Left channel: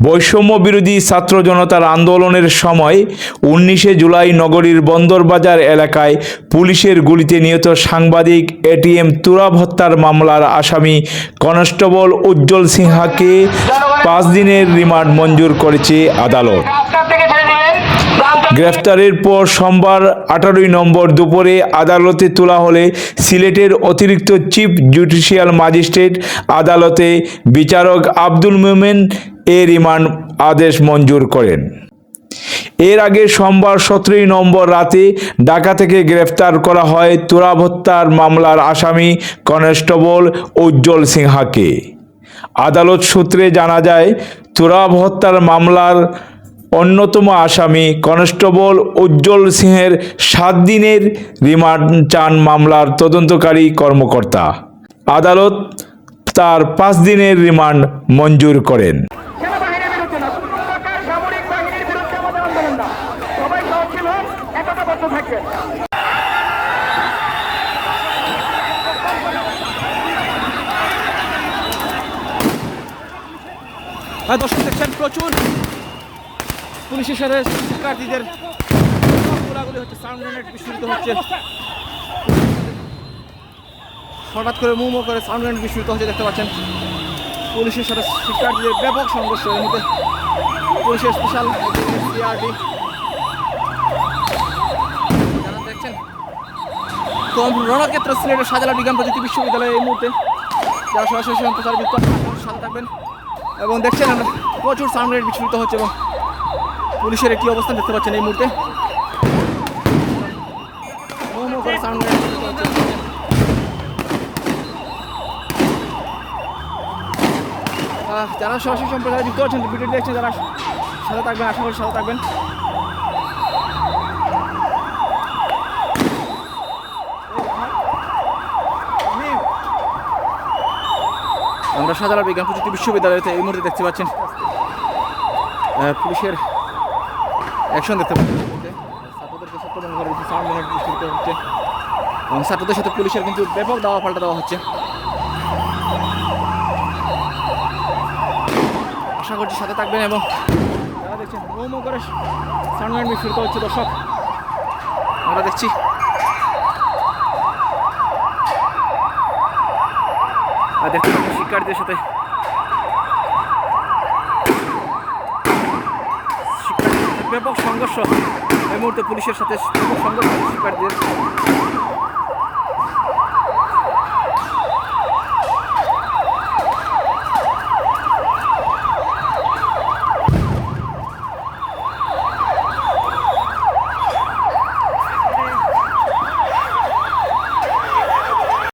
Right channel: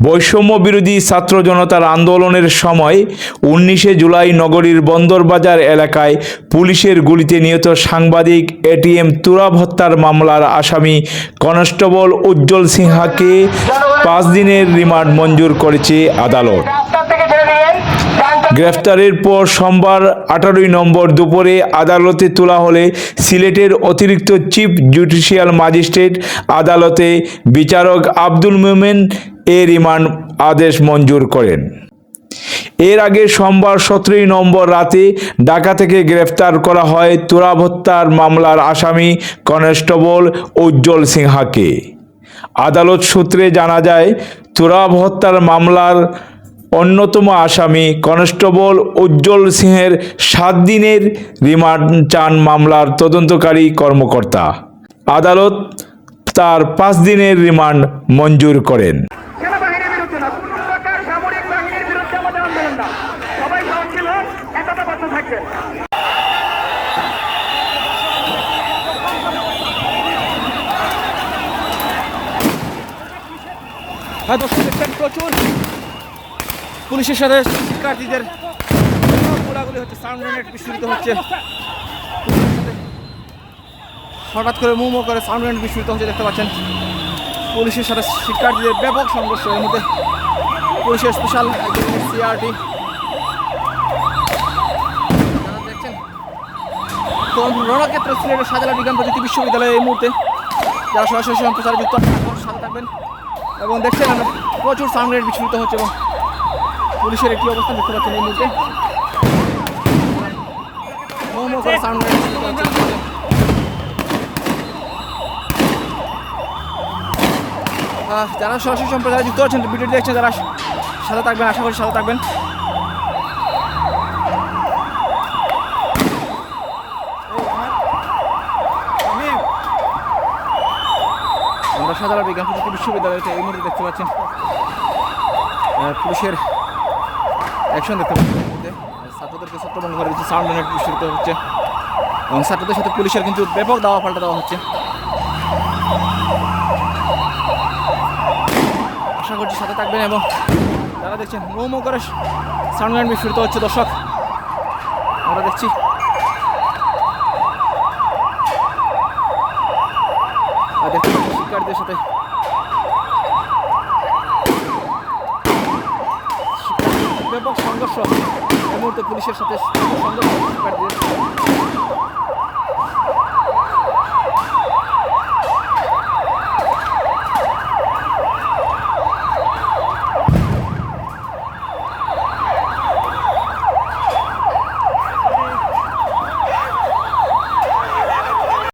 বৈষম্য বিরোধী ছাত্র জনতার আন্দোলনের সময় উনিশে জুলাই নগরীর বন্দরবাজার এলাকায় পুলিশের গুলিতে নিহত সাংবাদিক এটিএম তুরাব হত্যার মামলার আসামি কনস্টেবল উজ্জ্বল সিনহাকে পাঁচ দিনের রিমান্ড মঞ্জুর করেছে আদালত। গ্রেফতারের পর সোমবার আঠারোই নম্বর দুপুরে আদালতে তোলা হলে সিলেটের অতিরিক্ত চিফ জুডিশিয়াল ম্যাজিস্ট্রেট আদালতে বিচারক আব্দুল মোমেন এ রিমান্ড আদেশ মঞ্জুর করেন। এর আগে সোমবার সতেরোই নম্বর রাতে ঢাকা থেকে গ্রেফতার করা হয় তুরাব হত্যার মামলার আসামি কনস্টেবল উজ্জ্বল সিনহাকে আদালত সূত্রে জানা যায় তুরাব হত্যার মামলার অন্যতম আসামি কনস্টেবল উজ্জ্বল সিংহের সাত দিনের রিমান্ড চান মামলার তদন্তকারী কর্মকর্তা। আদালত তার পাঁচ দিনের রিমান্ড মঞ্জুর করেন। হ্যাঁ দর্শক দেখছেন প্রচুর পুলিশের সাথে শিক্ষার্থীদের গোলাগুলি হচ্ছে সাউন্ড গ্রেনেড বিস্ফোরিত হচ্ছে। হঠাৎ করে মুমো করে সাউন্ড গ্রেনেড বিস্ফোরিত হচ্ছে, দেখতে পাচ্ছেন। পুলিশের সাথে শিক্ষার্থীদের ব্যাপক সংঘর্ষ। এর মধ্যে পুলিশের স্পেশাল সিআরডি দেখছেন তো রণক্ষেত্র সিলেটের শাহজালাল বিজ্ঞান প্রযুক্তি বিশ্ববিদ্যালয়ে এই মুহূর্তে যারা সরাসরি সম্প্রচার যুক্ত সাথে থাকবেন এবং দেখছেন আমরা প্রচুর সাউন্ড রেট বিস্ফোরিত হচ্ছে এবং পুলিশের একটি অবস্থান দেখতে পাচ্ছেন এই মুহূর্তে। যারা সরাসরি সম্প্রদায় যুক্ত আছেন ভিডিও দেখছেন, যারা সাথে থাকবেন, আশা করি সাথে থাকবেন। আমরা শাহজালাল বিজ্ঞান প্রযুক্তি বিশ্ববিদ্যালয়তে এই মুহূর্তে দেখতে পাচ্ছেন পুলিশের অ্যাকশন দেখতে পাচ্ছেন ছাত্রদেরকে ছত্রভঙ্গ করে দিচ্ছে সাউন্ড মিনিট বিস্ফোরিত হচ্ছে। এবং ছাত্রদের সাথে পুলিশের কিন্তু ব্যাপক দাওয়া পাল্টা দেওয়া হচ্ছে। আশা করছি সাথে থাকবেন এবং যারা দেখছেন মোমো করে সাউন্ড মিনিট বিস্ফোরিত হচ্ছে দর্শক, আমরা দেখছি। দেখতে পাচ্ছেন শিক্ষার্থীদের সাথে। শিক্ষার্থীদের ব্যাপক সংঘর্ষ। এই মুহূর্তে পুলিশের সাথে সংঘর্ষ শিক্ষার্থীদের